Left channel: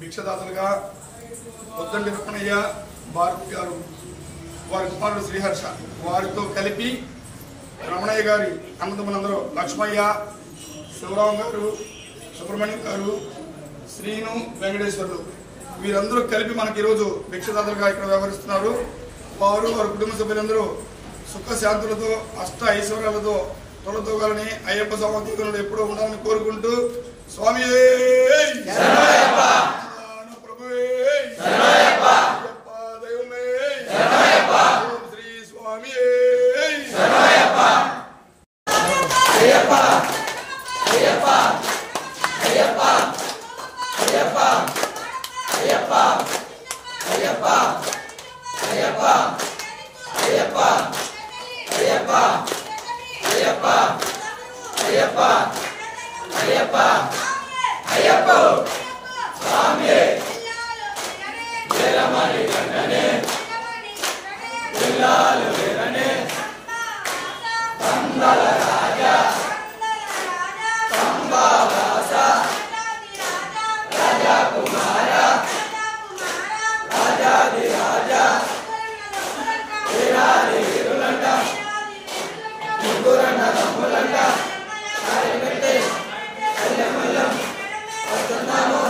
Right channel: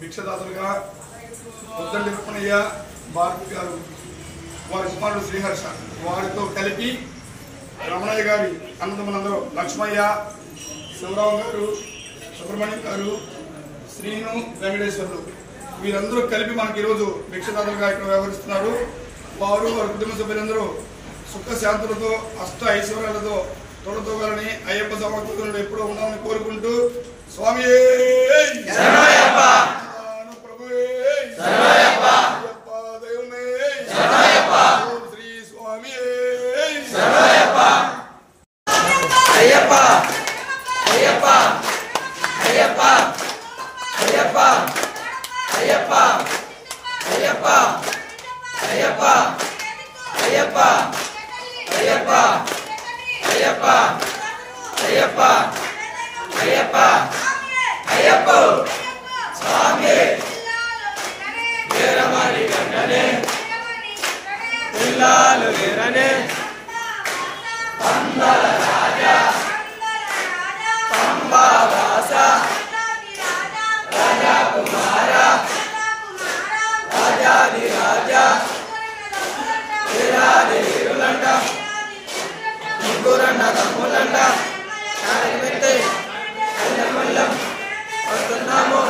భిక్షదాతలుగా పొద్దంటి రమణయ్య భారతి గారు వారి కుమారుడు శ్రీహర్ష వారితో కలిపి రమణయ్య గారి అన్నదమ్ములందరూ లక్ష్మయ్య, శివరావు గారు, సుబ్రహ్మణ్యం గారు, శ్రీను, వెంకటేశ్వర్లు వీరందరూ కలిపి మనకి ఈరోజు భిక్షదాతలుగా ఇక్కడ వ్యవహరిస్తున్నారు. వారు వారి కుటుంబ సభ్యులందరూ సుఖశాంతులతో అష్ట ఐశ్వర్యాలతో తొలతోగాలని అయ్యప్ప సమర్థకులు ఎప్పుడూ ఉండాలని కోరుకుంటూ స్వామి వస్తున్నాము